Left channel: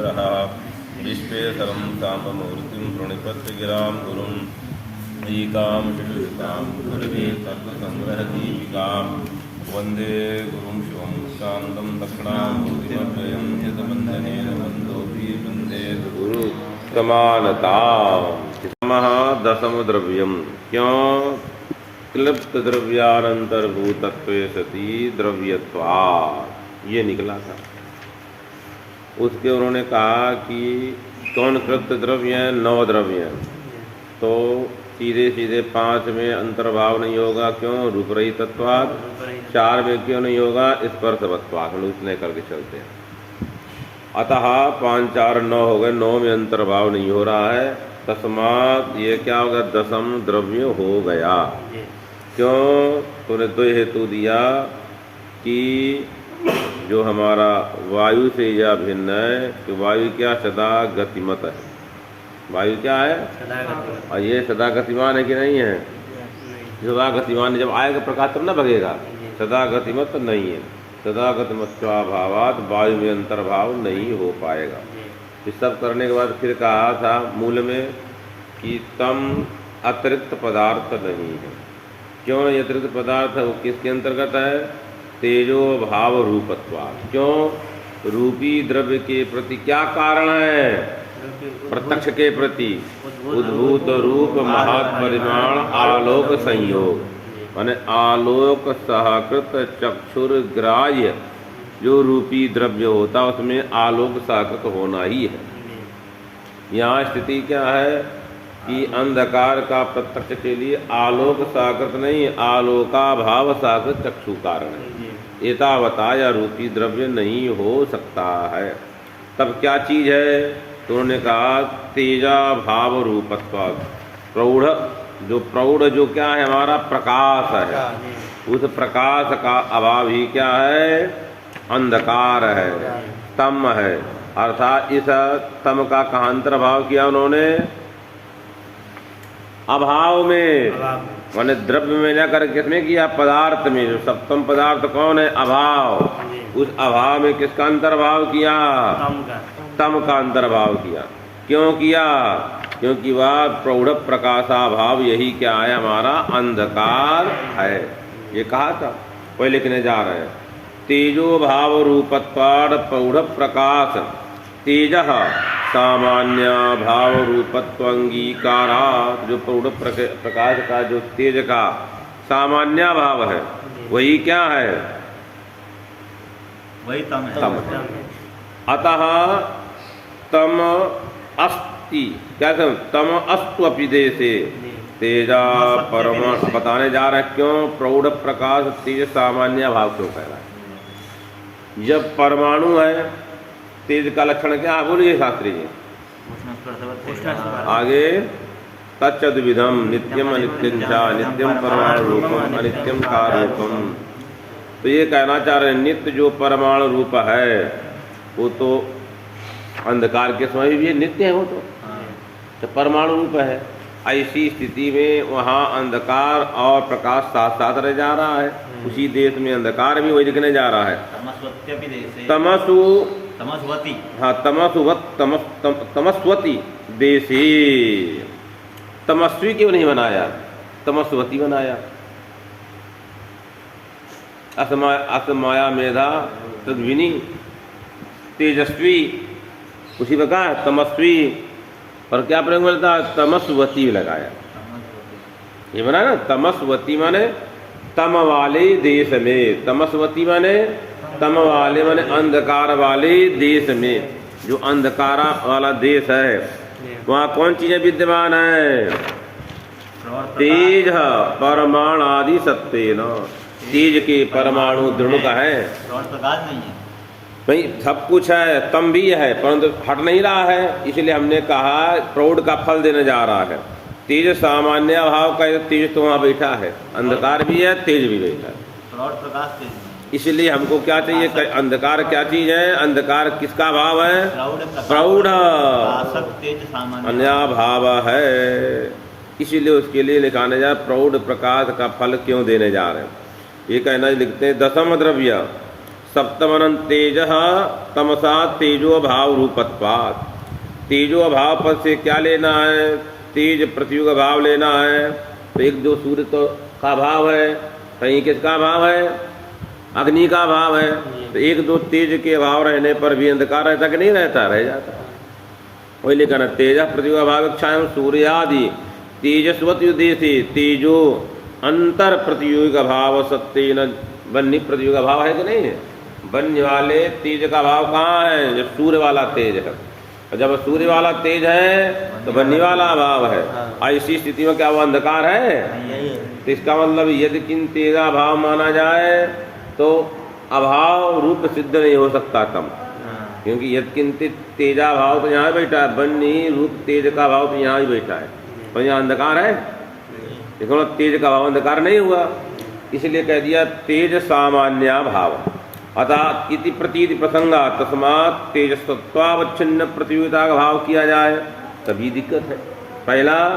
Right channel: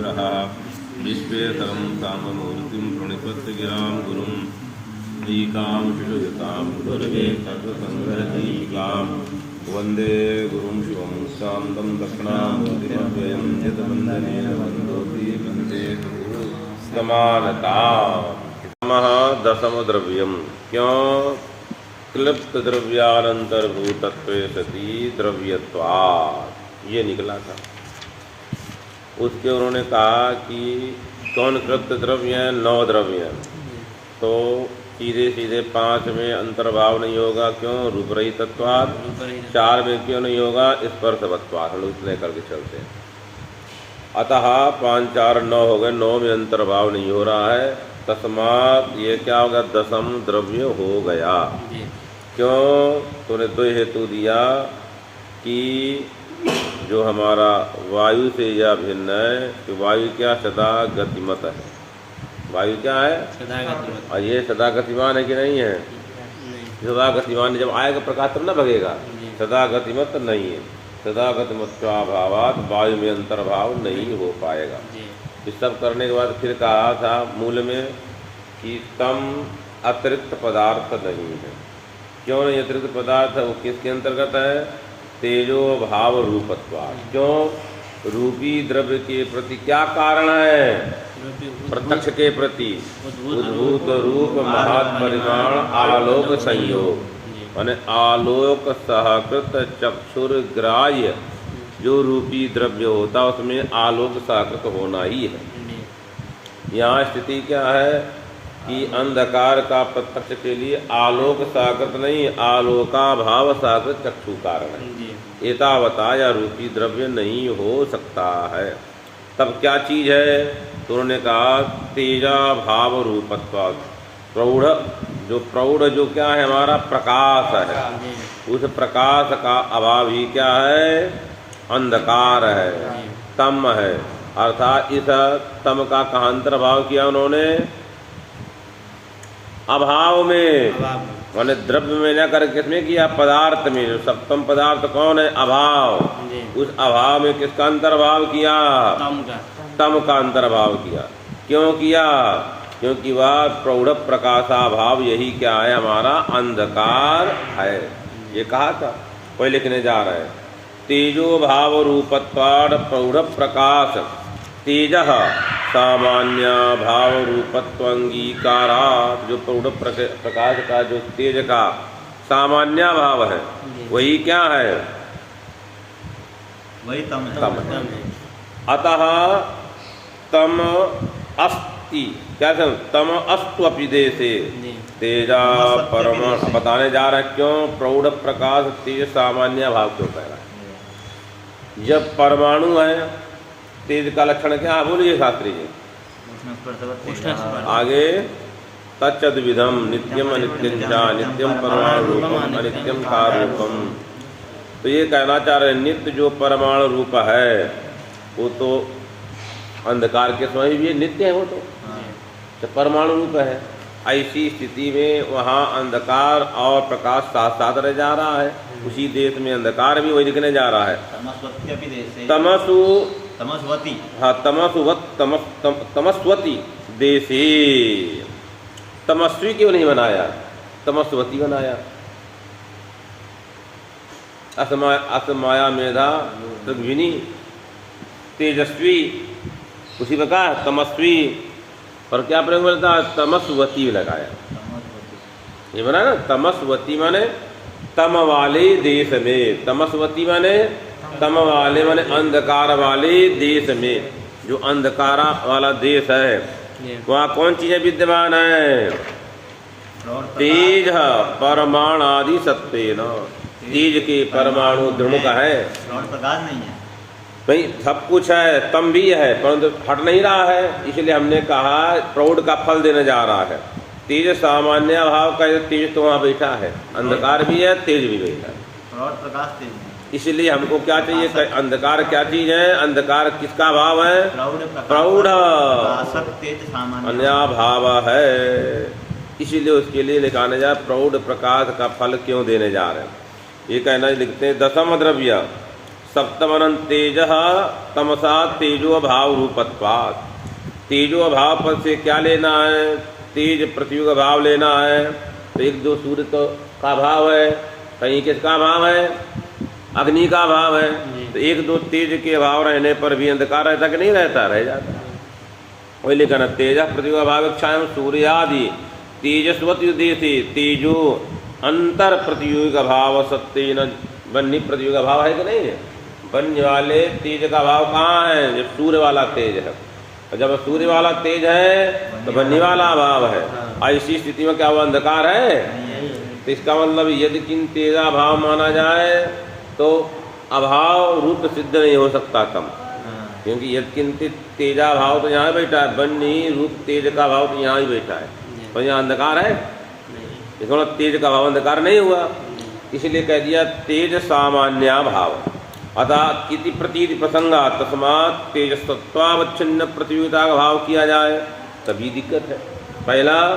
संग्रहा विश्वेश्वरं साम्बमूर्तिं प्रणिपत्य गिरां गुरुं ईकां शिशुयुतां गुरुर्वे तत्त्वसंग्रहदीपिकां वन्दे गुरुं शिवं शान्तं दक्षिणामूर्तिमव्ययं यतवन्दनेन वन्दोऽपि वन्देत गुरु समानताम्। दशम द्रव्यम क्यों क्लिप्त द्रव्यानंतर्भूतत्वे सती द्रव्यत्वात्, ये निकला था। उसके उन्होंने कहा कि कौन क्लिप्त द्रव्य है? 9 द्रव्य हैं, तो सीधे सीधे 5 में अंतर्भाव नहीं होगा। क्यों? रूपरहितत्वात्। 4 में क्यों नहीं होगा? स्पर्शवत्वात्। हम इतने करके चलते हैं। अतः 5 4 9 हो गए, 9 में अंतर्भाव नहीं हो रहा है। तस्मात ये क्या हो गया? दशम द्रव्य हो गया। क्यों? तूने 2 हेतु दिया कि जो हमारा वायु से यह भिन्न है कि वायु क्या? सदा गतिमत है। वायु क्या है? और ये सदा गतिमान है कि नहीं है? सदा गतिमान जब आएगा प्रकाश तब न भगेगा। सदा गतिमत नहीं है। सदा गतिमत्वाभावात् वायु में अंतर्भाव नहीं हो पाएगा। तो सब करने के बाद फिर कहा था मूल में कि तम अतिरिक्त पदार्थ नहीं है। क्यों नहीं अतिरिक्त पदार्थ है? वो किसके अंतर्गत है? तेजो भाव रूपत्वात्। क्यों? रूपी द्रव्य के प्रति क्या कारण है? प्रत्यक्ष के प्रति उद्भूत रूप महत् परिमाण आलोक संयोग, माने आलोक सहकृत चक्षुर्ग्राह्य जो रूपी द्रव्य होता है उसमें आलोक सहकृत होना ही है। यहाँ स्थिति क्या है कि अंधकार का प्रत्यक्ष के लिए आलोक सहकृत नहीं, आलोका भाव सहकृत चक्षु कारण है। एतावता या रूपी द्रव्य नहीं हो सकता है। तब क्या चीज है? तो उन्होंने कहा तेजा भाव रूपत्वात्। प्रौढ़ जो क्या है? हमारा प्रकाश है। उस प्रकाश का अभाव ही क्या है? अंधकार है, तम है। अर्थात इस तम का कहाँ अंतर्भाव किया उन्होंने? अभाव में, माने द्रव्य में न कर किसमें किया? पदार्थ में। जो सप्तम पदार्थ कौन है? अभाव। उस अभाव में किसका अंतर्भाव किया? तम का अंतर्भाव किया। क्यों किया? क्योंकि वह प्रौढ़ प्रकाशाभाव यही क्या है? हमारा अंधकार है। ये कहा था, कोई लिखने जा रहे हैं। तेजो भाव रूपत्वात् प्रौढ़ प्रकाश तेजः सामान्य भाव रूपत्व अंगीकारा। जो प्रौढ़ प्रकाश का जो तेज का सामान्य भाव है वही क्या है? वही तम है। अतः तम अस्ति, क्या कहते? तम अस्त्वपि देशे तेजा परमाणु। बताने जा रहा क्यों प्रौढ़ प्रकाश तेज सामान्य भाव क्यों कह रहा है? जब परमाणु है, तेज का लक्षण क्या है? बोलिए शास्त्री जी आगे। तच्चद्विधम नित्यम अनित्यं च नित्यम परमाणु रूपम अनित्यम कार्यरूपम। तो ये कहना चाह रहे हैं नित्य जो परमाणु रूप है वो तो अंधकार के स्वयं भी नित्य है। वो तो परमाणु रूप है। ऐसी स्थिति में वहाँ अंधकार और प्रकाश साथ साथ रह जा रहा है। उसी देश में अंधकार भी वही दिखने जा रहा है। तमस्वती, हाँ तमस्वती देशे। तमस्वी क्यों नहीं बनाया? तमस्वती बनाया। असमाया मेधा तद्विनी तेजस्वी, उसी बता तमस्वी। और क्या प्रयोग मिलता है? तमस्वती लगाया। ये बना ना तमस्वती माने तम वाले देश में। तमस्वती माने तम वाले माने अंधकार वाले देश में। जो अंधकार वाला देश है वहाँ कौन चीजें विद्यमान है? तेज परमाणु आदि सत्वेन। तेज के परमाणु दृढ़ का है, प्रकाश नहीं है। भाई सब कुछ है, तम भी है, परंतु हट नहीं रहा है। इसलिए हमने कहा प्रौढ़ का फल देने जा रहा है। तेज सामान्य भाव का तेज तो वहाँ बैठा है, अंधकार भी है, तेज भी बैठा है। प्रकाश तेज। इसलिए हमको क्या चाहिए? अंधकार क्या चीज है? अंधकार किसका भाव है? प्रौढ़ अन्य भाव है। इसीलिए उसके लिए लिखाने जा प्रौढ़ प्रकाश का फल क्यों देने जा रहे हैं। ये कहना लिखते हैं दशम द्रव्य सप्तमनं तेजः तमसा तेजो भाव रूपत्वात्। तेजो भाव पद से क्या लेना है? तेज पृथ्वी का भाव लेना है। तो एक जो सूर्य तो का भाव है, कहीं किसका भाव है? अग्नि का भाव है। तो एक दो तेज के भाव रहने पर भी अंधकार रहता कि नहीं रहता? रह जाता। वही लिखा ना, तेज पृथ्वी का भाव इच्छा सूर्यादि तेजस्वत युद्धे से तेजो अंतर प्रतियोगी का भाव सत्य न बन्नी प्रतियोगी का भाव है कि नहीं है? बन्य वाले तेज का भाव कहाँ है? जब सूर्य वाला तेज है, और जब सूर्य वाला तेज है तो बन्नी वाला अभाव है। ऐसी स्थिति में क्या वो अंधकार है? तो इसका मतलब यदि किन तेजा भाव माना जाए तो अभाव रूप सिद्ध नहीं हो सकता कम, क्योंकि यदि किंचित तेजा भाव तो यहाँ बैठा है, बन्नी रूप तेज का भाव तो यहाँ ही बैठा है, पर यहाँ अंधकार है। इसका तेज का भाव अंधकार नहीं हुआ, इसलिए कह दिया तेज सामान्य भाव। अतः इति प्रतीति प्रसंगा तस्मात् तेजस्त्वावच्छिन्न प्रतियोगिता का भाव किया जाए तभी दिक्कत है। पहला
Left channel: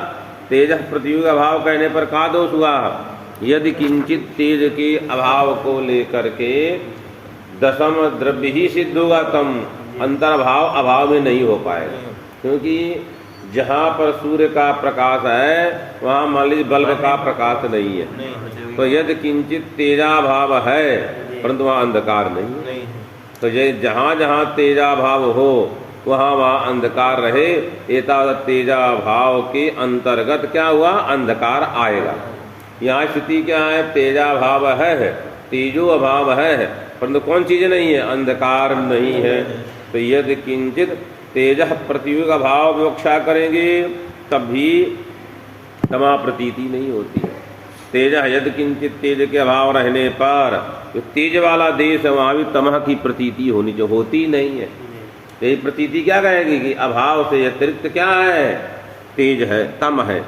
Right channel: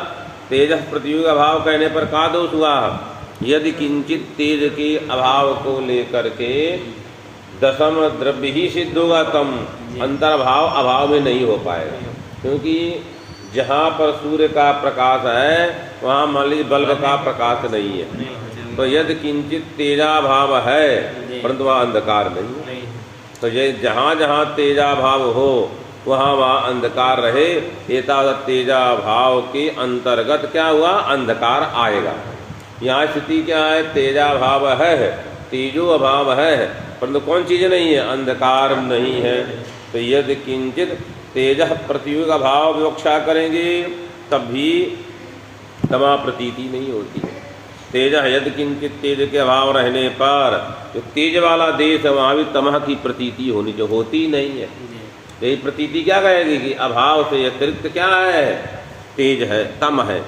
तेज प्रतियोगी का भाव कहने पर क्या दोष हुआ? यदि किंचित तेज के अभाव को लेकर के दशम द्रव्य ही सिद्ध होगा तम अंतर्भाव अभाव में नहीं हो पाएगा, क्योंकि जहाँ पर सूर्य का प्रकाश है वहाँ मान लीजिए बल्ब का प्रकाश नहीं है। तो यदि किंचित तेजा भाव है परंतु वहाँ अंधकार नहीं है। तो ये जहाँ जहाँ तेजा भाव हो वहाँ वहाँ अंधकार रहे, एतावत तेजा भाव के अंतर्गत क्या हुआ? अंधकार आएगा। यहाँ स्थिति क्या है? तेजा भाव है, तेजो अभाव है, परंतु कौन चीज नहीं है? अंधकार नहीं है। तो यदि किंचित तेज प्रतियोगी का भाव विवक्षा करेंगे तब भी तमा प्रतीति नहीं होती है। तेज यदि किंचित तेज के अभाव रहने पर तो तेज वाला देश है वहाँ भी तमह की प्रतीति होनी जो होती नहीं है। यही प्रतीति क्या कहेगी कि अभाव से अतिरिक्त क्या है? तेज है, तम है।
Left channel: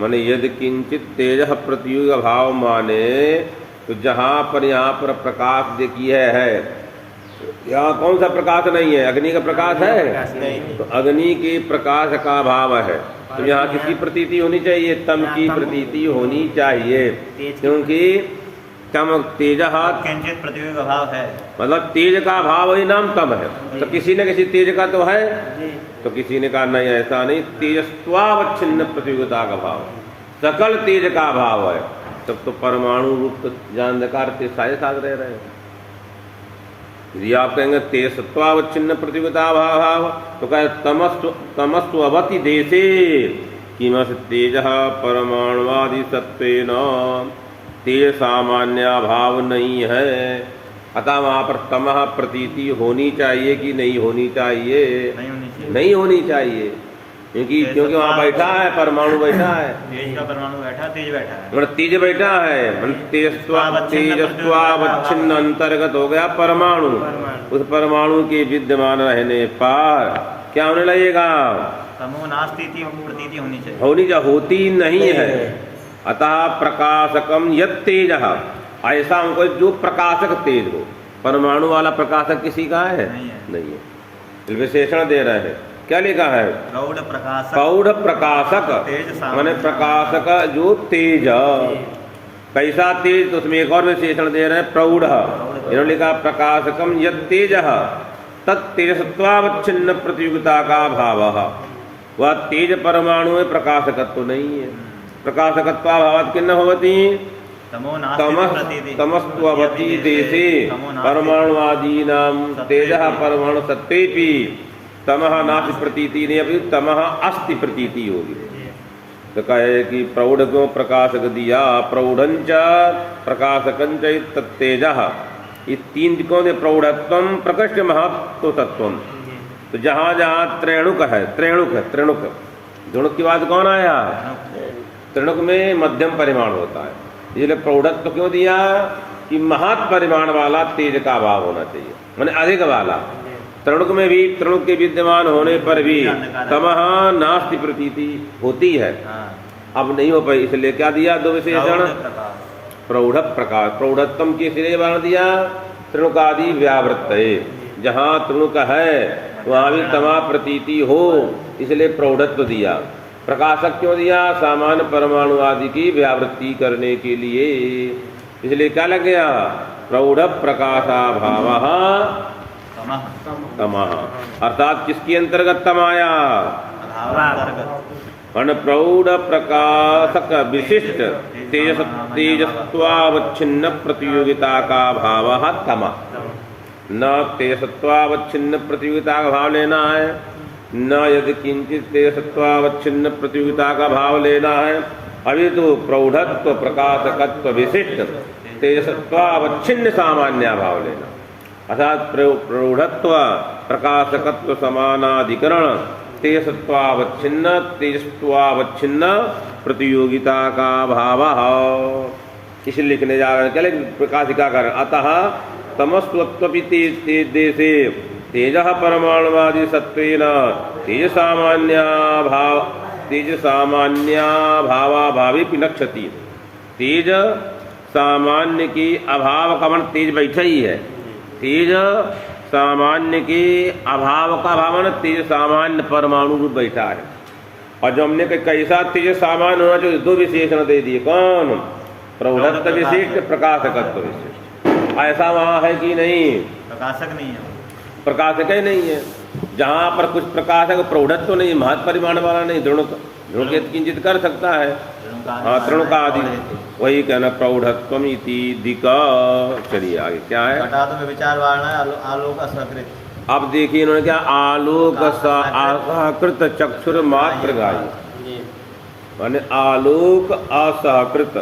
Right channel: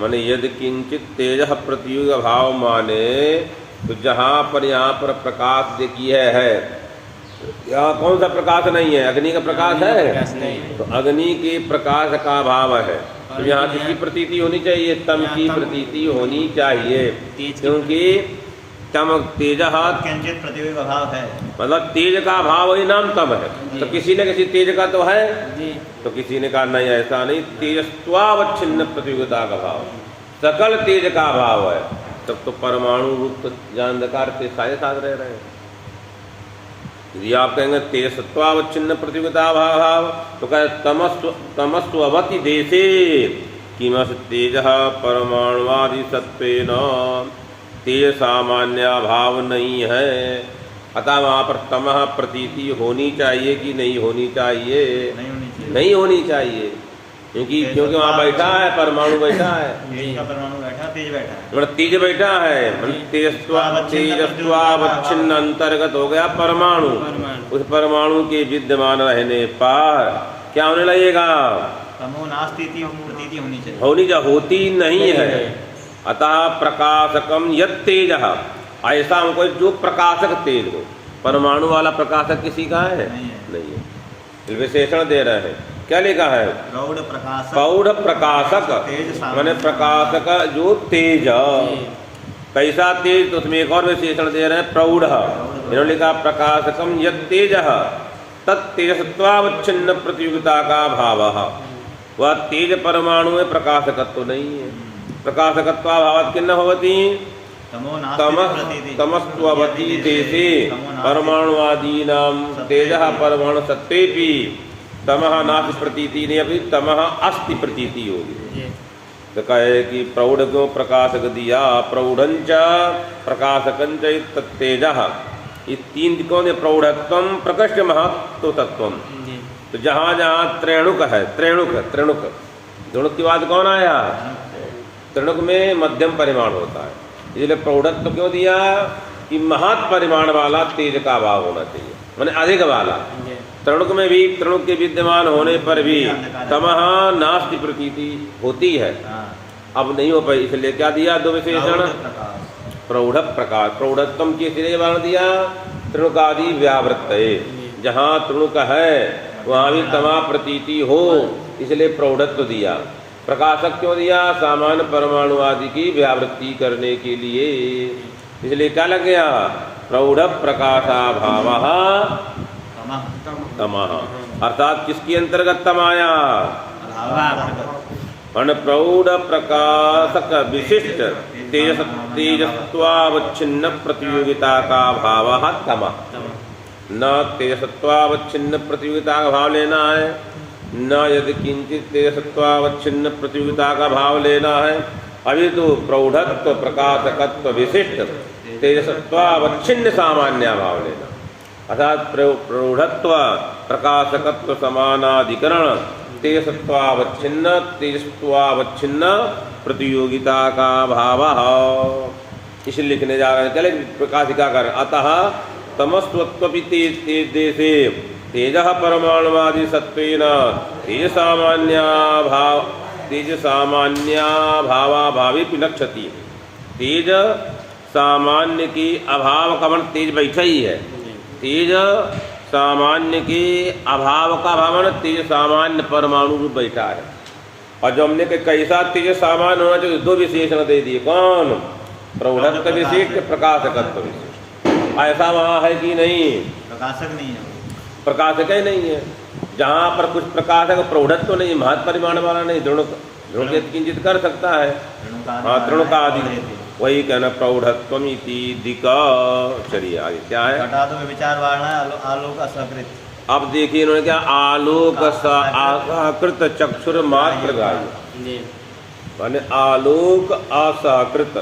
माने यदि किंचित तेज प्रतियोगी भाव माने तो जहाँ पर यहाँ पर प्रकाश देखिए है, यहाँ कौन सा प्रकाश नहीं है? अग्नि का प्रकाश है, तो अग्नि के प्रकाश का भाव है, तो यहाँ किसकी प्रतीति होनी चाहिए? तम की प्रतीति होनी चाहिए, क्योंकि तम तेज किंचित प्रतियोगी का भाव है, मतलब तेज का भाव ही नाम तम है। तो किसी न किसी तेज का तो है, तो किसी ने कहा नहीं ऐसा नहीं, तेजस्वावच्छिन्न प्रतियोगिता का भाव, सकल तेज का भाव है। तब तो परमाणु रूप अंधकार से सारे साथ रह रहे हैं। यदि आप कहेंगे तेजस्वावच्छिन्न प्रतियोगिता भाव तो कहे तमस्वती देशे किमस तेज परमाणुवादि सत्वेन तेज सामान्य भाव नहीं है। अतः वहाँ पर तमह प्रतीति होनी चाहिए कि नहीं होनी चाहिए? नहीं होनी चाहिए, क्योंकि वहाँ बैठा है परमाणु, बैठा है परमाणु बैठा, तेज बैठा है, मतलब तेज बैठा है। तेजस्वावच्छिन्न अंतर्गत हो गया परमाणु। उस परमाणु के विद्यमान रहने पर क्या होने लगेगा? तमोनास्तीति प्रतीति होनी चाहिए, होती नहीं है। अतः प्रकाशकम यत् तेज, ऐसा हमको जो प्रकाशक तेज हो। परमाणु वाला प्रकाशक किसी का है? नहीं है। विशेषण दे रहे हैं, क्या लिखा है? प्रौढ़ प्रकाशक माने प्रकाशक जो तेज। कैसा तेज? तो उसमें एक और विशेषण दे रहे हैं, प्रौढ़। इन्होंने लिखा प्रकाशकम यत् तेज तत्तेजस्वावच्छिन्न प्रतियोगिता का भाव। वह तेज परमाणु में प्रकाशकत्व नहीं है। प्रकाशकत्वाभावात् किन्न भवति? तमस्त्ववति देशे परमाणुवादीनां तेजः परमाणु सत्तेपि तमः नास्ति प्रतीति नहीं, अभी तमः अस्ति प्रतीति होगी। तो कहे कि प्रौढ़ को प्रकाशक दिया, प्रौढ़ंच प्रकाशकंच तत्तेजः, ये तीन दिक्कों ने प्रौढ़त्वम प्रकृष्ट महत्व तत्वम। तो जहाँ जहाँ त्रेणुक है, त्रेणुक धुणुक की बात कौन आया? त्रिणुक में मध्यम परिमाण होता है, इसलिए प्रौढ़त्व क्यों दिया कि महत् परिमाण वाला तेज का अभाव होना चाहिए, माने अधिक वाला। त्रिणुक में भी त्रिणुक के विद्यमान होने पर भी तमः नास्ति प्रतीति होती है, अब नहीं हो पाई, इसलिए क्या दिया? दो विशेषण, प्रौढ़ प्रकाश। प्रौढ़त्वम के सिरे बार दिया त्रिणुकादि व्यावृत्त है, जहाँ त्रिणुक है वहाँ भी तमा प्रतीति हो, इसलिए प्रौढ़त्व दिया। प्रकाशक क्यों दिया? सामान्य परमाणु आदि की व्यावृत्ति करने के लिए, इसलिए क्या लग गया? प्रौढ़ प्रकाशाभावः तमः अर्थात किसके अंतर्गत तम आया? मन प्रौढ़ प्रकाशक विशिष्ट तेजस्वावच्छिन्न प्रतियोगिता का भाव तम। न तेजस्वावच्छिन्न प्रतियोगिता का भाव लेना है, न यदि किंचित तेजस्वावच्छिन्न प्रतियोगिता का भाव लेना है। अभी तो प्रौढ़त्व प्रकाशकत्व विशिष्ट तेजस्वावच्छिन्न सामान्य भाव लेना, अर्थात प्रौढ़त्व प्रकाशकत्व समानाधिकरण तेजस्वावच्छिन्न प्रतियोगिता का भाव। इसे लिखने जा रहे हैं, चले प्रकाशिका कर। अतः तमस्त्वपि तेजदेशे तेजः परमाणुवादी सत्वेन तेज सामान्याभावाभावी नक्षति। तेज सामान्य के अभाव का मन तेज बैठा ही है। तेज सामान्य के अभाव का भाव तेज सामान्य परमाणु रूप बैठा है। और जो हमने कैसा तेज सामान्य होना चाहिए, दो विशेषण दे दिए। कौन? प्रौढ़त्व विशिष्ट प्रकाशकत्व विशिष्ट। ऐसा वहाँ है कि नहीं? प्रकाशक नहीं है, प्रकाशक ही नहीं है। जहाँ पर कुछ प्रकाशक प्रौढ़त्व नहीं, महत् परिमाण वाला नहीं, दृढ़ किंचित कर सकता है। हाँ, तृण का आदि, वही कहना प्रौढ़त्वम इति दिका। चलिए आगे क्या है? घटा तो विचार वाला आलोक असकृत। अब देखिए इन्होंने क्या आलोक असहकृत चक्षुर मात्र गाय, माने आलोक असहकृत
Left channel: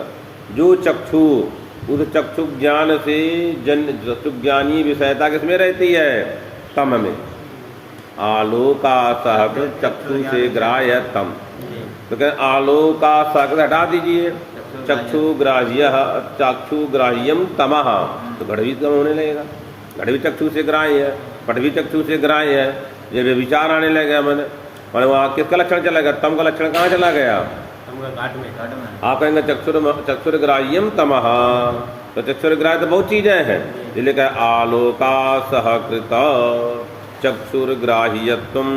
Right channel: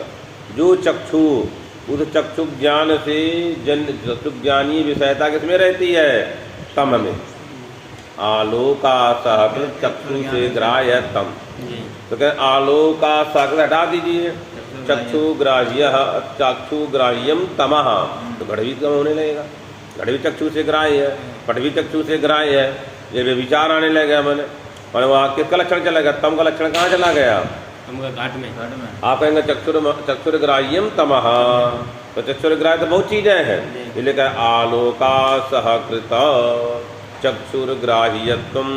जो चक्षु, उस चक्षु ज्ञान से ज्ञानी विषयता किसमें रहती है? तम में। आलोकासहकृत चक्षु से ग्राह्य तम, तो क्या आलोकासहकृत हटा दीजिए, चक्षुग्राह्यम तमः, तो घट भी कम होने लगेगा। घट भी चक्षु से ग्राह्य है, पट भी चक्षु से ग्राह्य है। ये विचार आने लगे मन, और वहाँ किसका लक्षण चला गया? तम का लक्षण कहाँ चला गया? घट में। आप कहेंगे चक्षुर्ग्राह्यम तमः, तो चक्षुर्ग्राह्य तो बहुत चीजें हैं, इसलिए क्या आलोकासहकृत चक्षुर्ग्राह्यत्वम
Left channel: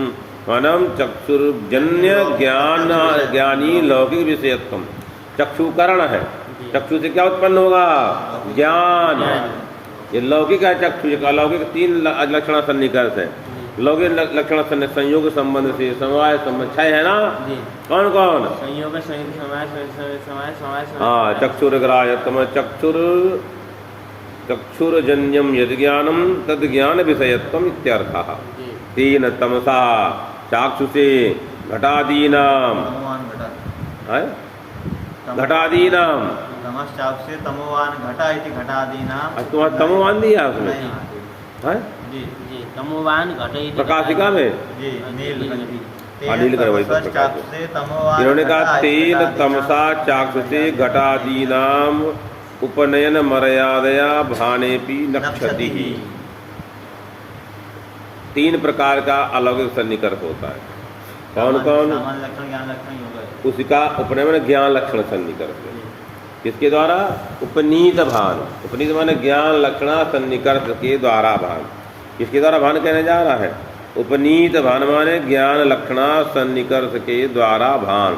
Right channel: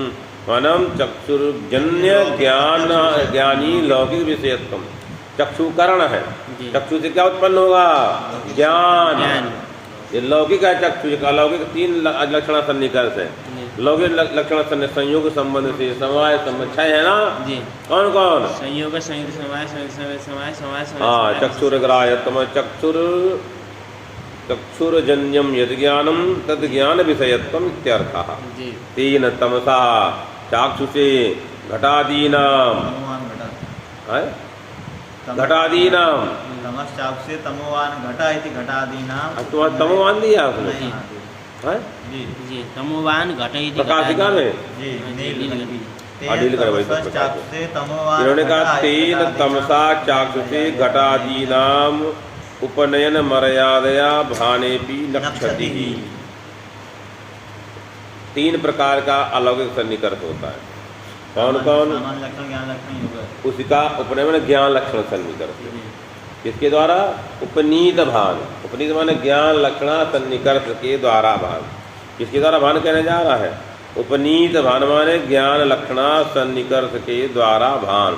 मनम चक्षुर्जन्य ज्ञानी लौकिक विषयत्वम। चक्षुकरण है, चक्षु से क्या उत्पन्न होगा? ज्ञान। ये लौकिक है चक्षु, अलौकिक तीन लक्षण सन्निकर्ष है। लौकिक लक्षण संयोग संबंध से समवाय संबंध 6 है ना जी। कौन कौन? संयोग संयुक्त समवाय। हाँ, चक्षुर्ग्राह्यत्वम चक्षुर्जन्यम यद ज्ञानम तद ज्ञान विषयत्वम इत्यर्थः। तेन तमसा चाक्षुषे घटादीनाम घटादीनाम तमश्चाक्षुषे तमोवान घटा इति घटादीनाम। तुम्हारा तमोवान दिया उसने? जी तमोवान घट इति प्रकाशिका में जी अनिल करवाई। इन्होंने कहा तेन तमसा चाक्षुषे घटादीनाम उपनयन मर्यादया भानेपि नक्षति। 3 प्रकार का अलौकिक सन्निकर्ष होता है। कौन कौन? उसका उपनयन ज्ञान लक्षण सन्निकर्ष। किसके द्वारा? उपनीत भान। उपनीत माने ज्ञान लक्षण सन्निकर्ष के द्वारा भान। किसके द्वारा भान कहने जा रहा है? उपनीत भान माने ज्ञान लक्षण सन्निकर्ष के द्वारा भान।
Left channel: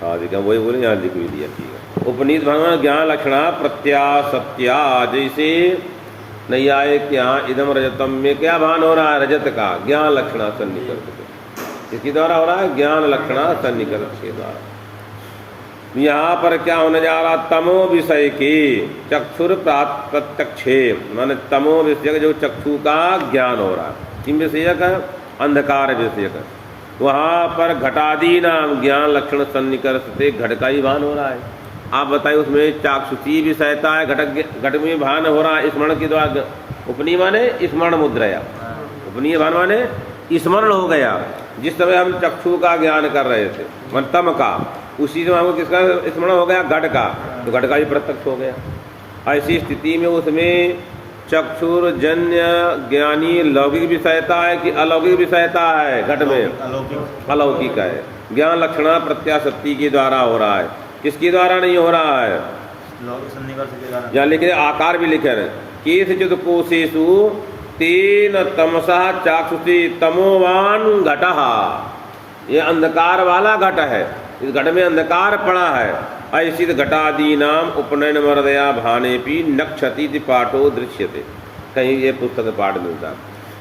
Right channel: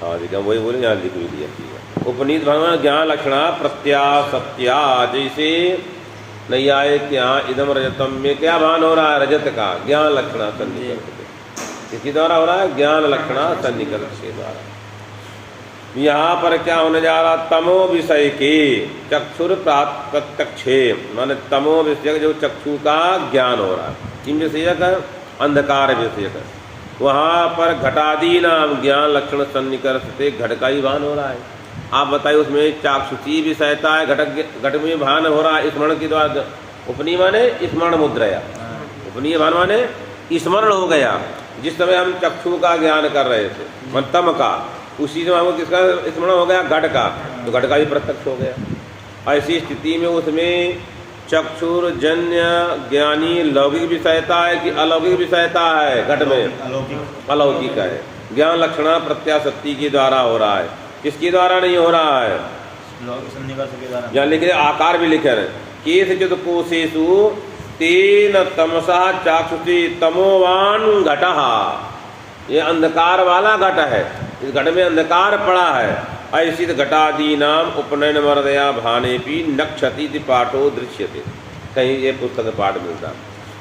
हाँ देखा, वही बोले यहाँ लिख भी दिया। उपनीत भान माने ज्ञान लक्षण प्रत्यासत्या। जैसे नहीं आए क्या इदम रजतम में क्या भान हो रहा है? रजत का ज्ञान लक्षण सन्निकर्ष के। किसके द्वारा हो रहा है? ज्ञान लक्षण सन्निकर्ष के द्वारा। यहाँ पर क्या होने जा रहा? तमो विषय के चक्षुर प्रत्यक्षे, माने तमो विषय जो चक्षु का ज्ञान हो रहा है। किम विषयक है? अंधकार विषयक है। वहाँ पर घटादी नाम ज्ञान लक्षण सन्निकर्ष से घट का ही भान हो रहा है। आप बताइए उसमें चाक्षुषी विषयता है, घट में भान हो रहा है स्मरण के द्वारा। उपनी माने स्मरण मुद्रया, उपनीय भान माने स्मरण हो गया। जिस समय हम चक्षु का ज्ञान कर रहे थे मन तम का, उसी समय हमको किसका स्मरण हो गया? घट का, तो घट का ही प्रत्यक्ष हो गया। ऐसी स्थिति में उसमें चक्षुर्जन्य ज्ञानी लौकिक विषयता है कि अलौकिक विषयता है? घट में अलौकिक है। ज्ञान लक्षण प्रत्याशक्ति के द्वारा हो रहा है। किसके द्वारा नहीं हो रहा है? जहाँ लिखे आकार भी लिखे रहे केशचित कोशेषु तेन तमसा चाक्षुषे तमोवान घटः। ये अंधकार वाला घट है, इस घट में अंधकार पड़ा है। ऐसी घटादीनाम उपनयन मर्दया भानेपि नक्षति पाठो दृश्यते। कहीं ये पुस्तक पाठ मिलता है।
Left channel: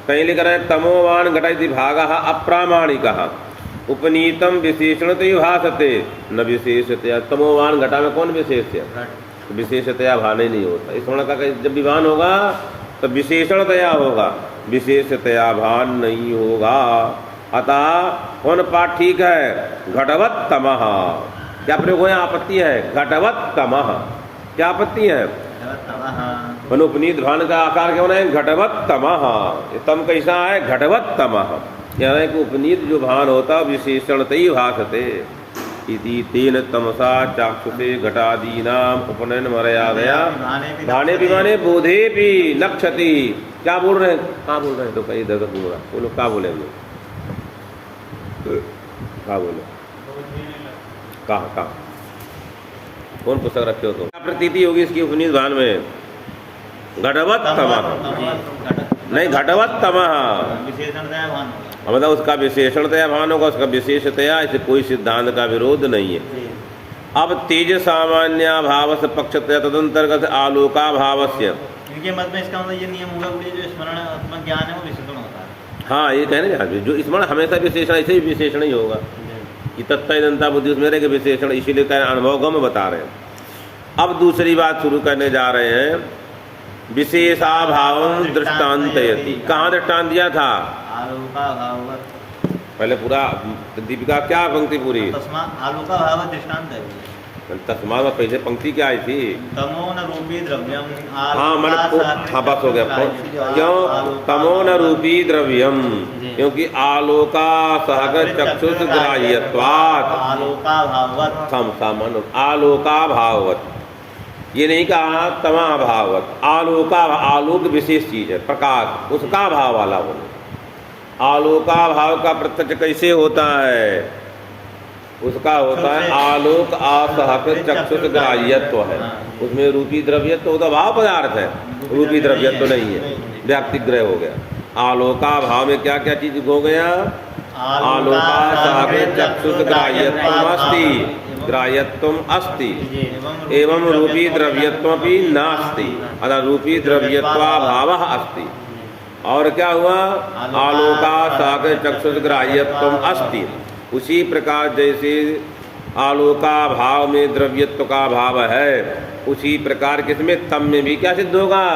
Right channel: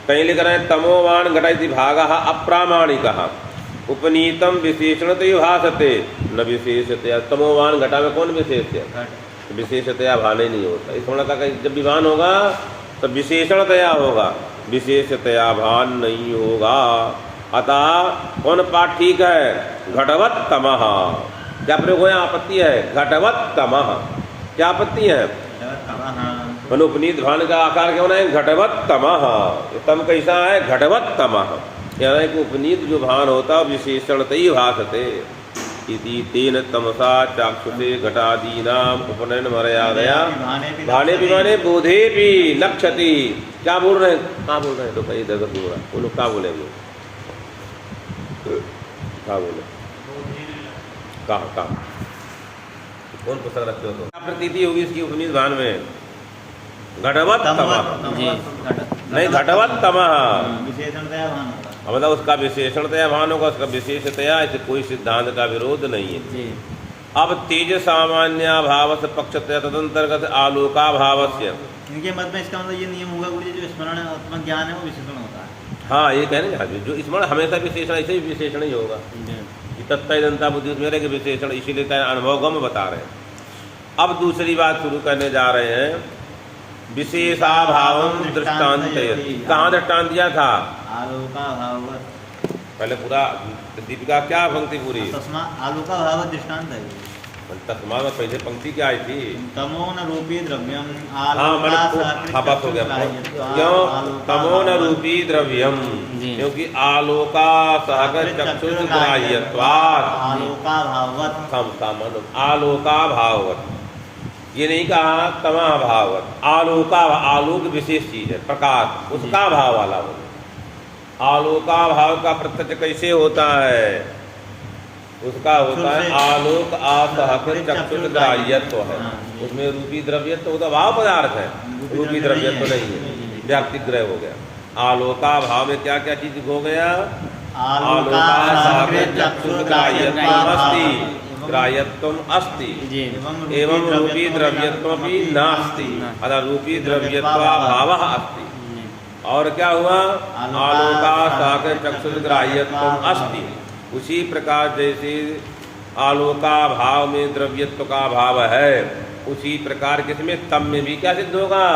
कहीं लिख रहे हैं तमोवान घट इति भागः अप्रामाणिकः उपनीतम विशेषणतया भासते न विशेषतया। तमोवान घटा में कौन विशेष है? विशेषतया भाने नहीं होता। इस वर्ण का जब विभान होगा तो विशेषणतया होगा, विशेषतया भान नहीं होगा। अतः कौन पाठ ठीक है? घटवत तमः। क्या प्रयोग है? आपत्ति है घटवत तमः। क्या आपत्ति है? उपनीत भान का आकार क्या होना है? घटवत तमः। तम कैसा है? घटवत तमः। यानी कि उपनीत जो भान होता विशेषणतया भासते इति तेन तमसा चाक्षुषे घटादीनाम उपनयन मर्यादया भाने विमाने बोधे भी लक्ष्यति। क्या बोल रहे हैं? क्या बोल रहे हैं? तो कहीं दर्द बोला वो लोग क्या बोलेंगे? क्या बोले? कहाँ कौन पुस्तक रखे हो? तो क्या प्रतीति होगी इसकी उपनीत भान में? घटवत तमः नहीं, घटवत तमः विशेषणतया भान होगा। मतलब उसका विशेषणतया भान होगा, उसका विशेषतया इसे कोई सिद्धांत का विरोध नहीं है। अब तेज सामान्य भाव से पक्षतया तदंतर्गत आलोका भावस्य। इनके मत में इसका मतलब ये नियम होगा कि जो स्मरण आत्मा ज्ञान है वो विशेषण होता है। हाँ, ये कहने जा रहे जो स्मरण हमेशा विशेषण, ऐसे ही विशेषण ही होगा। ये तत्वदंता बुद्धि उसमें रहेगा विशेषण, इसीलिए कह अनुभवगम बता रहे हैं। अब दूसरी बात शुरू करने जा रहे हैं। विशेषाभावम दृष्टान्तयति। कहाँ दृष्टांत दिया था? आलोका भाव। पहले पूरा दीपिका क्या पंक्ति पूरी? तस्मा आलोका भाव दृष्टांत है। तस्मा में पहले पंक्ति क्या आई थी? तमो न रूपी द्रव्यम। हाँ, मैंने बस हो गया। क्यों? तमो न रूपी द्रव्यम, क्योंकि आलोका सहगत चक्षुष ग्राह्यत्वात् आलोका भाववत्। सामान्य आलोका भाववत्। ये नहीं कहा तमा भाववत। आलोका, आलोक विशेष चीज है, प्रकाश, उसका भाव वाला बोले। आलोका भाव का प्रत्यक्ष कैसे होता है? उसका होता है आलोक असहकृत चक्षुष ग्राह्यत्व है। उसमें रूपी द्रव्यत्व होता भाव पदार्थ है, रूपी द्रव्यत्व नहीं है, व्याप्तिक ग्रह हो गया। आलोका भाव में क्या क्या चीज हो गया? आलोका सहकृत चक्षुष ग्राह्यत्वम अस्ति, ग्राह्यत्वम अस्ति एवं रूपी द्रव्यत्वमपि नास्ति, अतः रूपी द्रव्यत्वाभावः अस्ति। और क्या हुआ? आलोका सहकृत चक्षुष ग्राह्यत्वम अस्ति। उसी प्रकार जैसे आलोका भाव में द्रव्यत्व का भाव है, उसी प्रकार किसमें? तम में भी क्या सिद्ध होगा?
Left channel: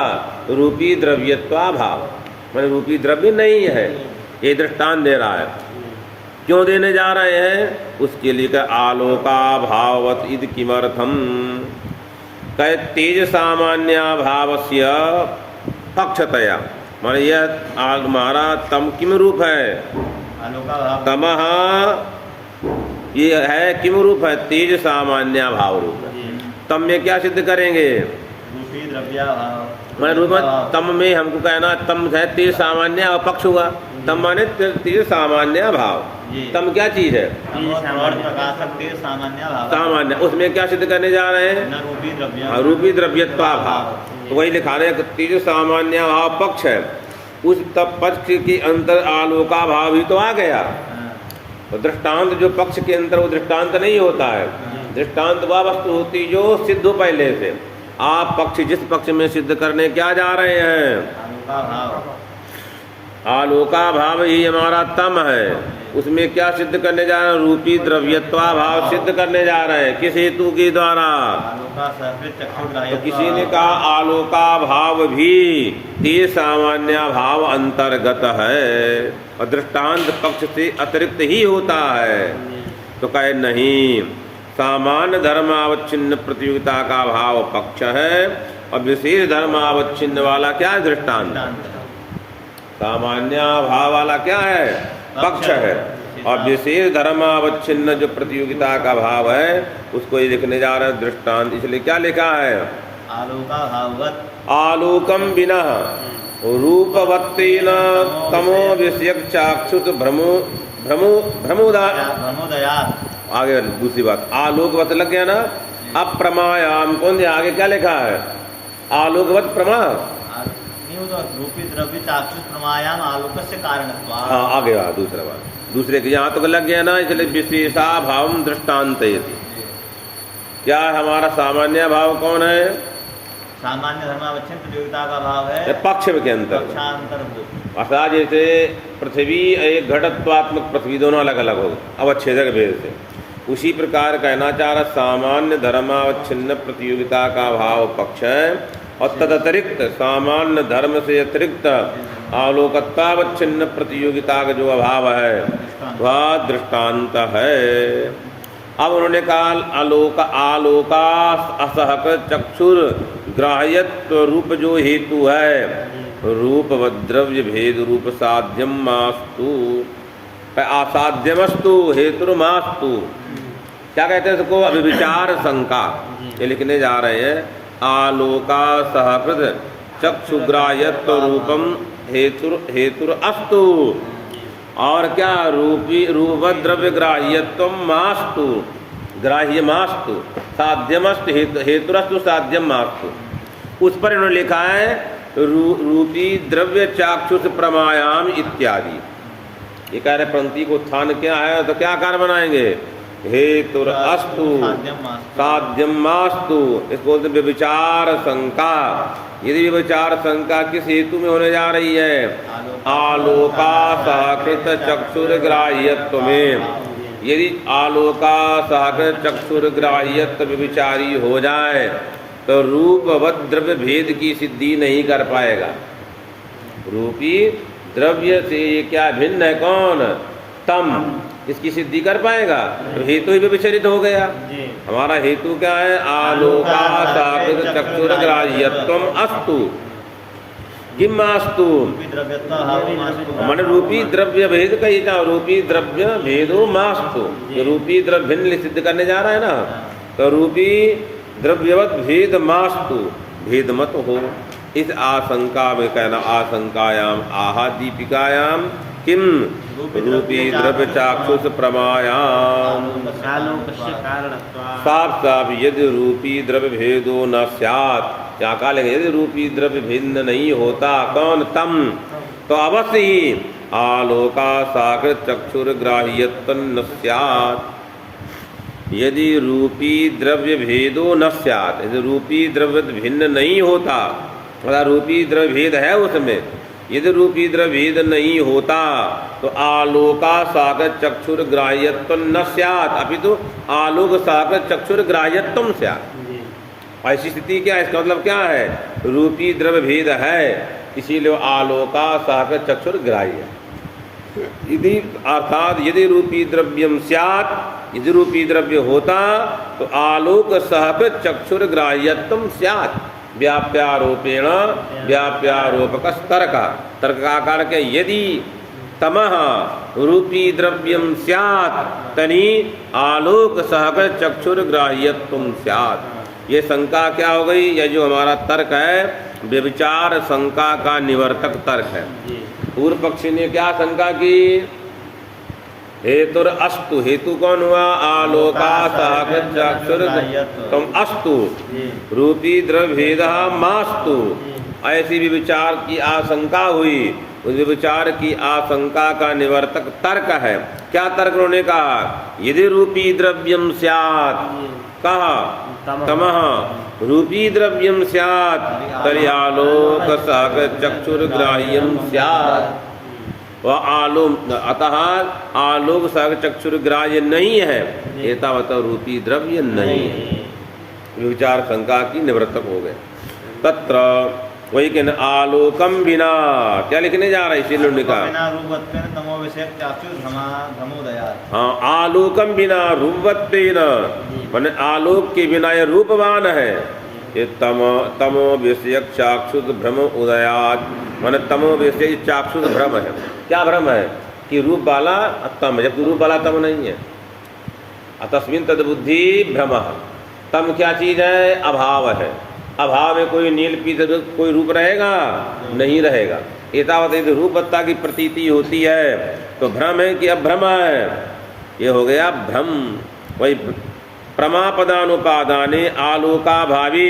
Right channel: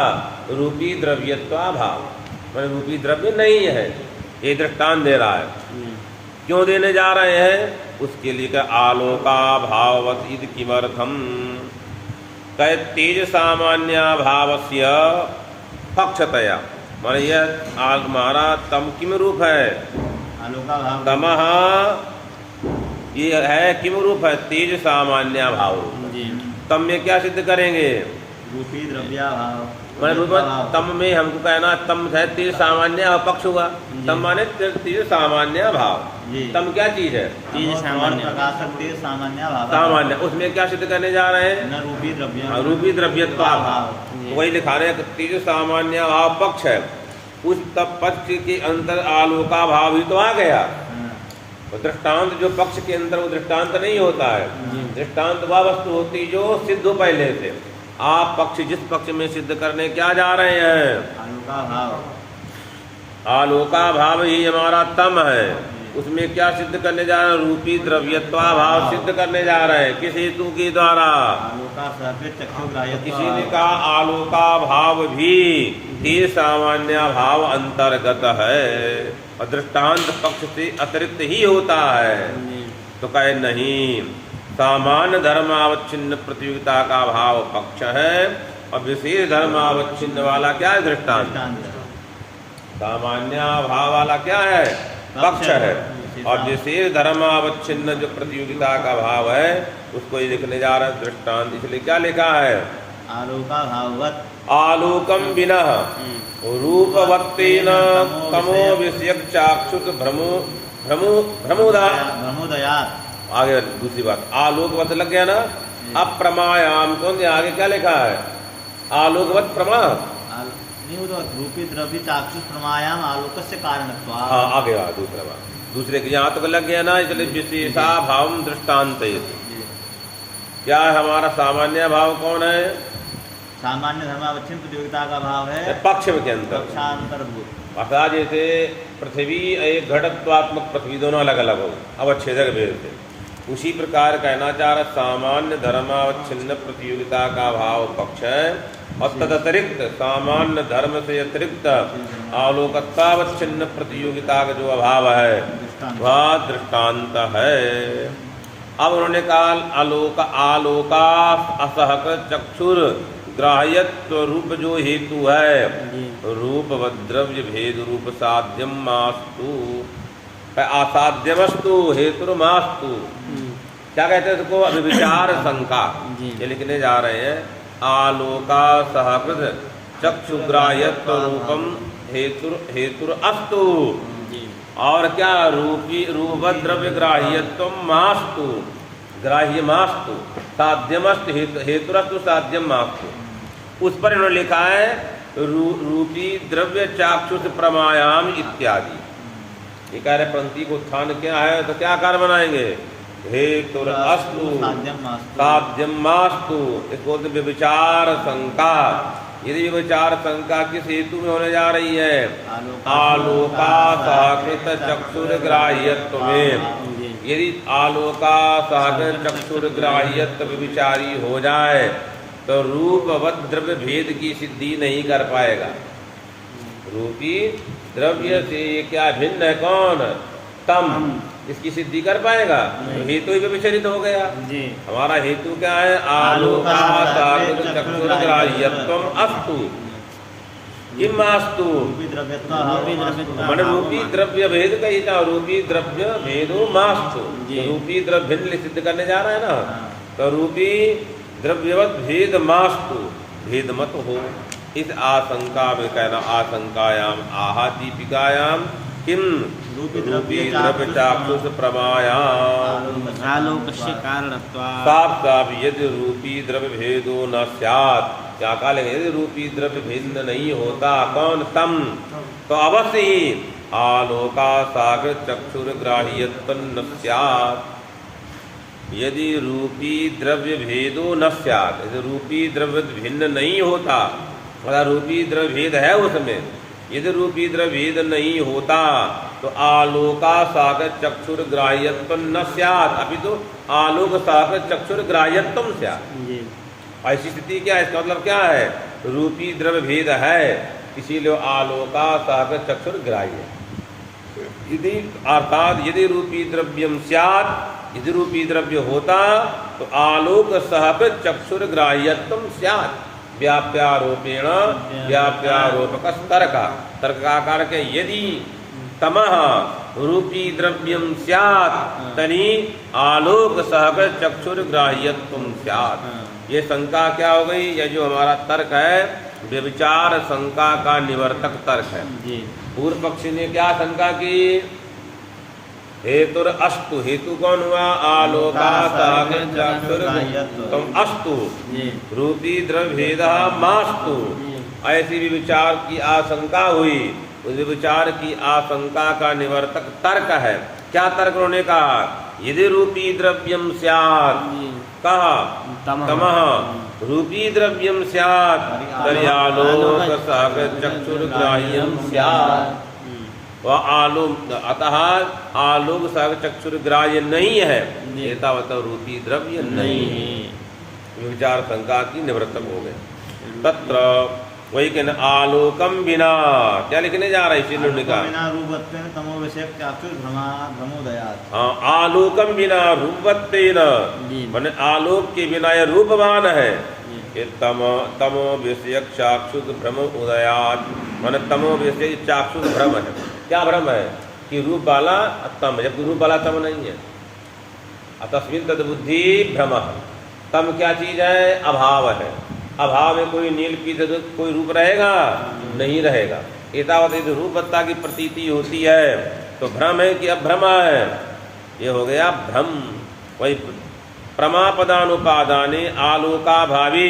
रूपी द्रव्यत्वाभाव। मैंने रूपी द्रव्य नहीं है, ये दृष्टांत दे रहा है। क्यों देने जा रहे हैं? उसके लिए कह आलोका भाववत इद किमर्थम। कह तेज सामान्य भावस्य पक्षतया। माने यह आग मारा तम किम रूप है? आलोका भाव। तमः ये है किम रूप है? तेज सामान्य भाव रूप। तम में क्या सिद्ध करेंगे? रूपी द्रव्या भाव। मैंने रूप तम में हमको कहना तम है तेज सामान्य और पक्ष होगा। तम माने तेज सामान्य भाव। तम क्या चीज है? सामान्य भाव। सामान्य, उसमें क्या सिद्ध करने जा रहे हैं? न रूपी द्रव्य। रूपी द्रव्यत्वा भाव। तो वही लिखा रहे हैं तेज सामान्य भाव पक्ष है, उस तब पक्ष के अंतर आलोका भाव ही तो आ गया। तो दृष्टांत जो पक्ष के अंदर वो दृष्टांत नहीं होता है। दृष्टांत वह वस्तु होती जो सिद्ध हो पहले से। आप पक्ष जिस पक्ष में सिद्ध करने क्या जा रहे हैं? आलोका भाव। आलोका भाव ही हमारा तम है, उसमें क्या सिद्ध करने जा रहे हैं? रूपी द्रव्यत्वा भाव सिद्ध करने जा रहे हैं। किस हेतु के द्वारा? तो किसी ने कहा आलोका भाव भी तेज सामान्य भाव अंतर्गत है और दृष्टांत पक्ष से अतिरिक्त ही होता है। तो कहे नहीं, सामान्य धर्मावच्छिन्न प्रतियोगिता का भाव पक्ष है और विशेष धर्मावच्छिन्न वाला क्या है? दृष्टांत। सामान्य भाव वाला क्या है? पक्ष है और विशेष धर्मावच्छिन्न जो प्रतियोगिता का भाव है उसको ये लिखने जा रहे हैं दृष्टांत। इसलिए क्या लिखा है? आलोका भाववत। आलोकम बिना रूपवत्तेन तमो विषयक चाक्षुष भ्रमोदया। आगे दूसरी बात, आलोकवत लग गया ना। अप्रमायाम कौन दिया? आगे क्या लिखा है? आलोकवत प्रमा। रूपी द्रव्य चाक्षुष प्रमायाम आलोक से कारण। आगे दूसरा बात, दूसरे के यहाँ तो लग गया ना। इसलिए विशेषा भाव दृष्टांत। क्या है हमारा सामान्य भाव? कौन है? सामान्य धर्मावच्छिन्न प्रतियोगिता का भाव है पक्ष के अंतर। पक्षांतरभूत। अर्थात जैसे पृथ्वी एक घटत्वात्मक पृथ्वी दोनों अलग अलग हो अवच्छेदक भेद से, उसी प्रकार कहना चाह रहा सामान्य धर्मावच्छिन्न प्रतियोगिता का भाव पक्ष है और तदतिरिक्त सामान्य धर्म से अतिरिक्त आलोकतावच्छिन्न प्रतियोगिता का जो अभाव है वह दृष्टांत है। अब उन्होंने कहा आलोका असहक चक्षुर ग्राह्यत्व रूप जो हेतु है रूप द्रव्य भेद रूप साध्यम मास्तु असाध्यमस्तु हेतुर्मास्तु। क्या कहते हैं इसको? अभिविचार शंका। ये लिखने जा रहे हैं आलोका सहकृत चक्षुग्राह्यत्व रूपम हेतुर अस्तु। और क्या रूप द्रव्य ग्राह्यत्व मास्तु ग्राह्य मास्तु साध्यमस्तु हेतुरस्तु साध्यम मास्तु। उस पर इन्होंने लिखा है रूपी द्रव्य चाक्षुष प्रमायाम इत्यादि। ये कह रहे पंक्ति को उत्थान क्या है तो क्या कार्य बनाएंगे? हेतुर अस्तु साध्यम मास्तु। इसको विचार शंका। यदि विचार शंका किस हेतु में होने जा रही है? आलोका साकृत चक्षुर ग्राह्यत्व में। यदि आलोका साकृत चक्षुर ग्राह्यत्व विचारी हो जाए तो रूपवत द्रव्य भेद की सिद्धि नहीं कर पाएगा। रूपी द्रव्य से ये क्या भिन्न है? कौन? तम। इसकी सिद्धि कर पाएगा तो हेतु ही विचलित हो गया। हमारा हेतु क्या है? आलोका साकृत चक्षुर ग्राह्यत्वम अस्तु किमास्तु मन रूपी द्रव्य भेद का ही था। रूपी द्रव्य भेदो मास्तु। रूपी द्रव्य भिन्न सिद्ध करने जा रहा है ना, तो रूपी द्रव्यवत भेद मास्तु भेद मत हो। इस आशंका में कहना आशंकायाम आहा दीपिकायाम किम रूपी द्रव्य चाक्षुष प्रमायाम साफ साफ यदि रूपी द्रव्य भेदो न स्यात्। क्या कहा लेंगे? यदि रूपी द्रव्य भिन्न नहीं होता कौन? तम। तो अवश्य ही आलोका साकृत चक्षुर ग्राह्यत्व न स्यात्। यदि रूपी द्रव्य भेदो न स्यात्, यदि रूपी द्रव्य भिन्न नहीं होता, अगर रूपी द्रव्य भेद है उसमें, यदि रूपी द्रव्य भेद नहीं होता तो आलोका साकृत चक्षुर ग्राह्यत्व न स्यात् अपितु आलोक साकृत चक्षुर ग्राह्यत्वम स्यात्। ऐसी स्थिति क्या है? इसका मतलब क्या है? रूपी द्रव्य भेद है इसीलिए आलोका साकृत चक्षुर ग्राह्य। यदि अर्थात यदि रूपी द्रव्यम स्यात्, यदि रूपी द्रव्य होता तो आलोक साकृत चक्षुर ग्राह्यत्वम स्यात्। व्याप्यारोपेण व्याप्यारोपक तर्क का आकार के यदि तमः रूपी द्रव्यम स्यात् तनि आलोक सहकृत चक्षुर ग्राह्यत्वम स्यात्। ये शंका क्या हो गई? यह जो हमारा तर्क है व्यभिचार शंका का निवर्तक तर्क है। पूर्व पक्षी ने क्या शंका की? हेतुर अस्तु। हेतु कौन हुआ? आलोका साकृत चक्षुर तम अस्तु रूपी द्रव्य भेद मास्तु। ऐसी विचार की आशंका हुई। उस विचार की आशंका का निवर्तक तर्क है। क्या तर्क उन्होंने कहा? यदि रूपी द्रव्यम स्यात्, कहा तमः रूपी द्रव्यम स्यात् तर्हि आलोक साकृत चक्षुर ग्राह्यम स्यात्। वह आलोक अतः आलोक साकृत चक्षुर ग्राह्य नहीं है, एतावत रूपी द्रव्य नहीं है। विचार शंका की निवृत्त हो गए। तत्र वही कहना आलोकम बिना क्या लिखने जा रहा है? इसी ने कहा हाँ आलोकम बिना रूपत्वेन माने आलोक के बिना यह रूपवान है। ये तमो विषय चाक्षुष भ्रम उदयात माने तमो विषय चाक्षुष भ्रम है। क्या भ्रम है? कि रूप वाला तम, जबकि रूप वाला तम नहीं है। तस्मिन् तद बुद्धि भ्रम। तम क्या चीज है? अभाव है। अभाव में कोई नील पीत कोई रूप रहेगा? नहीं रहेगा। एतावत यदि रूपत्ता की प्रतीति होती है तो भ्रम है कि अभ्रम है? ये हो गया भ्रम। वही प्रमापदानुपादाने आलोकाभावी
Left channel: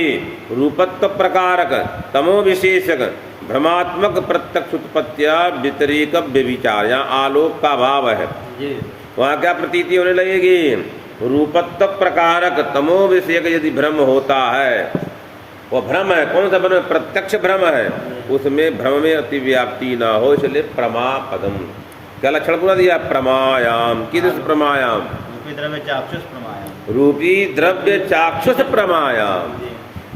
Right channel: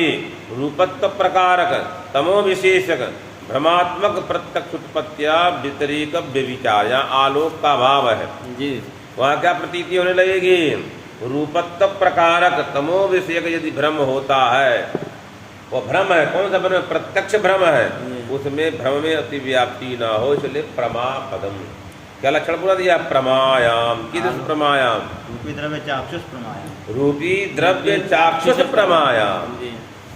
रूपत्व प्रकारक तमो विशेषक भ्रमात्मक प्रत्यक्ष उत्पत्तिया व्यतिरेक व्यभिचार। यहाँ आलोक का भाव है जी। वहाँ क्या प्रतीति होने लगेगी? रूपत्व प्रकारक तमो विषयक यदि भ्रम होता है वो भ्रम है। कौन सा भ्रम? प्रत्यक्ष भ्रम है, उसमें भ्रम में अतिव्याप्ति ना हो, इसलिए प्रमा पदम। क्या लक्षण पूरा दिया? प्रमायाम। किस प्रमायाम? रूपी द्रव्य चाक्षुष प्रमायाम। रूपी द्रव्य चाक्षुष प्रमायाम।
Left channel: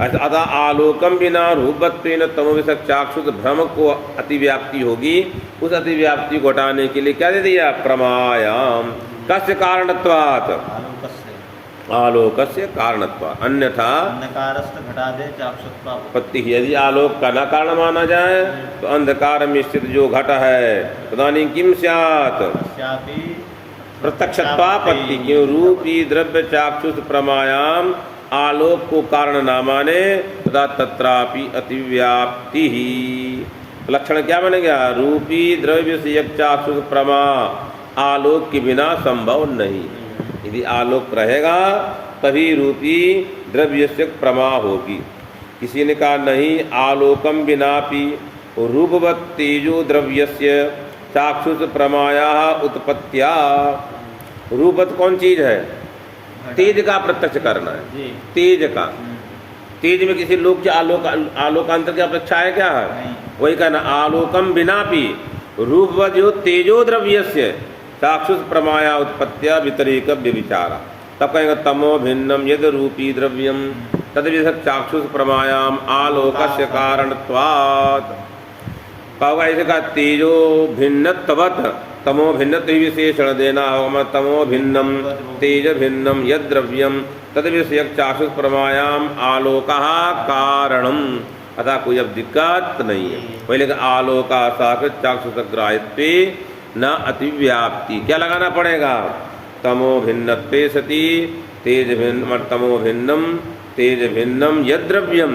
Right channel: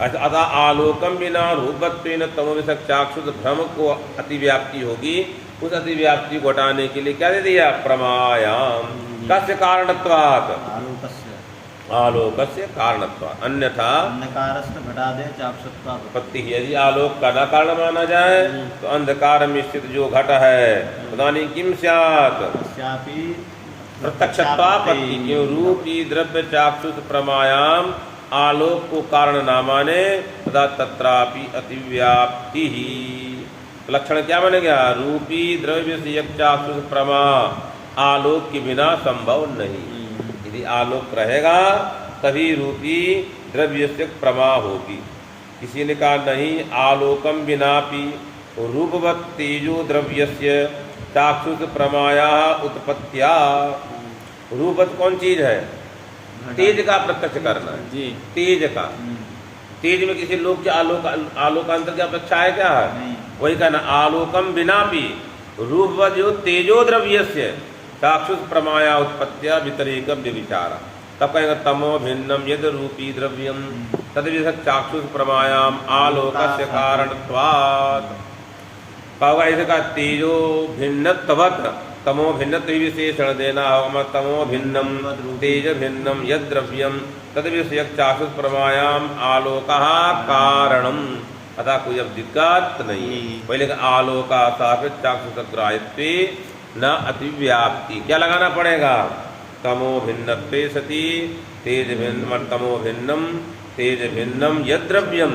अतः आलोकम बिना रूपत्वेन तमोविषक चाक्षुष भ्रम को अतिव्याप्ति होगी, उस अतिव्याप्ति को हटाने के लिए क्या दे दिया? प्रमायाम। कस्य कारणत्वात्? आलोकस्य कारणत्वात्। अन्यथा अंधकारस्थ घटादे चाक्षुषत्वापत्ति। यदि आलोक का न कारण माना जाए तो अंधकार में स्थित जो घट है तदानीं किम स्यात्? प्रत्यक्षत्वापत्ति। क्यों? रूपी द्रव्य चाक्षुष प्रमायाम आलोक को कारण न माने तथा तत्रापि अतिव्याप्ति ही। लक्षण क्या बनेगा? रूपी द्रव्य से चाक्षुष प्रमा आलोक के बिना संभव नहीं। यदि आलोक रहेगा तभी रूपी द्रव्य से प्रमा होगी। किसी ने कहा नहीं, आलोकम बिनापि रूपवत् तेजो द्रव्यस्य चाक्षुष प्रमाया उत्पत्त्या। रूपवत् कौन चीज है? तेज का प्रत्यक्ष करना है, तेज का। तेज में किसी लोक के आलोकांतर की अपेक्षा है क्या है? वही कहना आलोकम बिनापि रूपवत् तेजो द्रव्यस्य चाक्षुष प्रमाया उत्पत्त्या व्यतिरेक व्यभिचारा। तब कहेंगे तमो भिन्नम यद रूपी द्रव्यम तद्विषक चाक्षुष प्रमायाम आलोकस्य कारणत्वात्। कहोगा ऐसे का तेजो भिन्नत्ववत् तमो भिन्नत्व विशेषण देना होगा। तमो भिन्नम तेज भिन्नम यद द्रव्यम तद्विषयक चाक्षुष प्रमायाम आलोकः कारणम। अतः कोई अब दिक्कत नहीं है। पहले का आलोका साक्षात चाक्षुष ग्राह्यत्वे न अतिव्याप्ति। क्या लगाना पड़ेगा? तमो भिन्नत्वे सति तेज भिन्न तमो भिन्नम तेज भिन्नम यद द्रव्यम।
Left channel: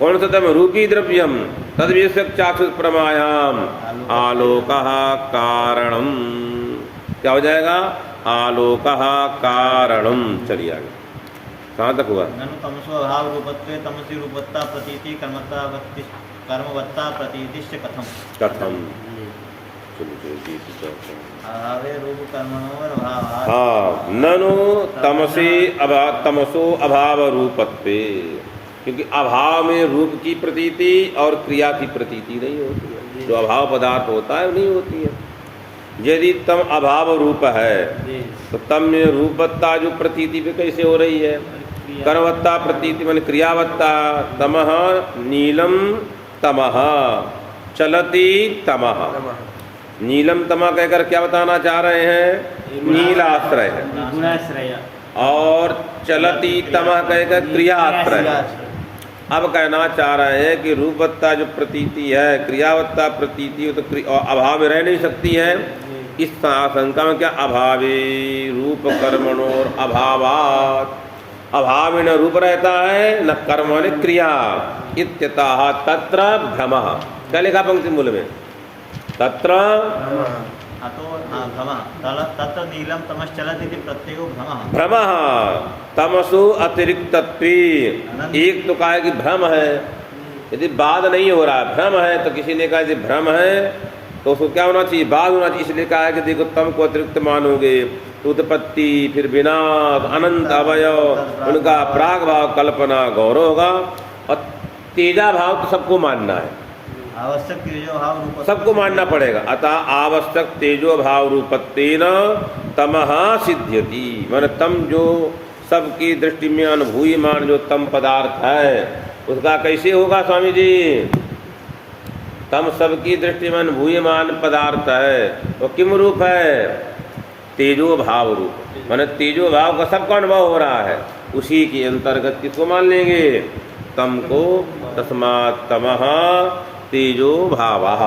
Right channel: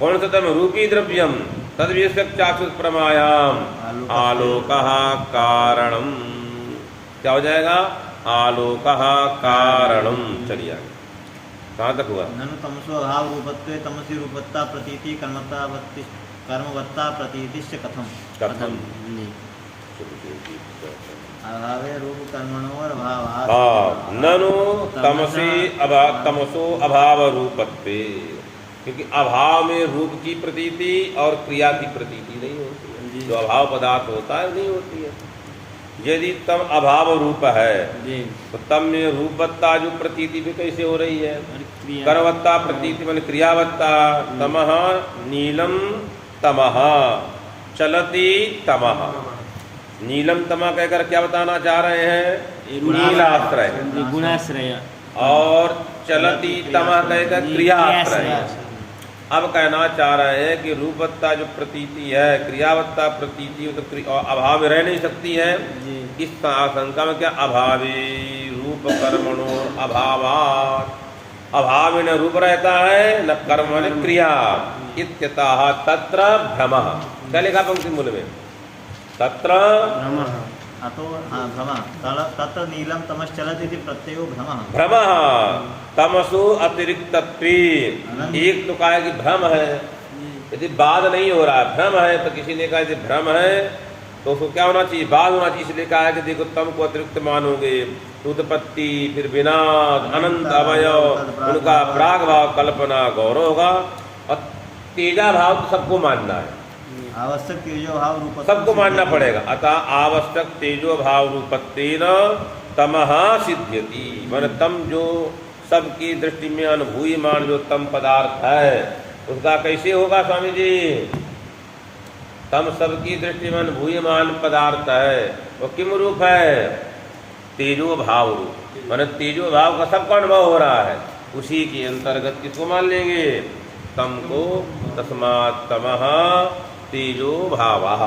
कौन सा तम? रूपी द्रव्यम तद्विषयक चाक्षुष प्रमायाम आलोकः कारणम। क्या हो जाएगा? आलोकः कारणम। चलिए आगे, कहाँ तक हुआ? ननु तमसो अभाव रूपत्वे तमसी रूपत्ता प्रतीति कर्मवत्ता प्रतीतिश्च कथम? कथम? अभावे रूप कर्मणोर अभावात्। हाँ, ननु तमसो अभाव रूपत्वे। क्योंकि अभाव में रूप की प्रतीति और क्रिया की प्रतीति नहीं होती है। जो अभाव पदार्थ होता है नहीं होती है। यदि तम अभाव रूप है तो तम में रूपवत्ता जो प्रतीति पे कैसे हो रही है? कर्मवत्ता प्रतीति मान क्रियावत्ता। तमः नीलम तमः चलती तमः। नीलम तमः कहकर क्या बताना चाह रहे हैं? नीलाश्रय। गुणाश्रय। और चलती तमः कहकर क्रियाश्रय। अब कहना चाह रहे हैं कि रूपवत्ता जो प्रतीति है, क्रियावत्ता प्रतीति तो अभाव में रह नहीं सकती है। इस आशंका में क्या? अभावे रूप कर्मणोर अभावात्। अभाव में न रूप रहता है न कर्म न क्रिया। इत्यतः तत्र भ्रमः। क्या लिखा पंक्ति मूल में? तत्र अतो भ्रमः तत्र नीलम तमश्चलति इति प्रत्ययो भ्रमः। भ्रमः तमसो अतिरिक्तत्वे। एक तो कहा कि भ्रम है, यदि बाद नहीं हो रहा भ्रम है तो किसी ने कहा यदि भ्रम है तो उसको क्या होना चाहिए? बाद होना चाहिए। इसलिए कहा कि देखो तम को अतिरिक्त मानोगे, उत्पत्ति फिर विनाश अनंत अवयव उनका प्राग भाव कल्पना गौरव होगा। और तेजा भाव तो सबको मानना है, आवश्यक तेजो भाव रूप सबको मानना पड़ेगा। अतः आवश्यक तेजो भाव रूपत्वेन तमः सिद्ध्यति। माने तम जो सबकी दृष्टि में अनुभूयमान जो तम पदार्थ है उसका कैसे होगा स्वामी जी? तम सबकी दृष्टि में अनुभूयमान पदार्थ है वो किम रूप है? तेजो भाव रूप। माने तेजो भाव का सबका अनुभव हो रहा है। उसी के अंतर्गत किसको मान लेंगे? तम को। तस्मात् तमः तेजो भावः।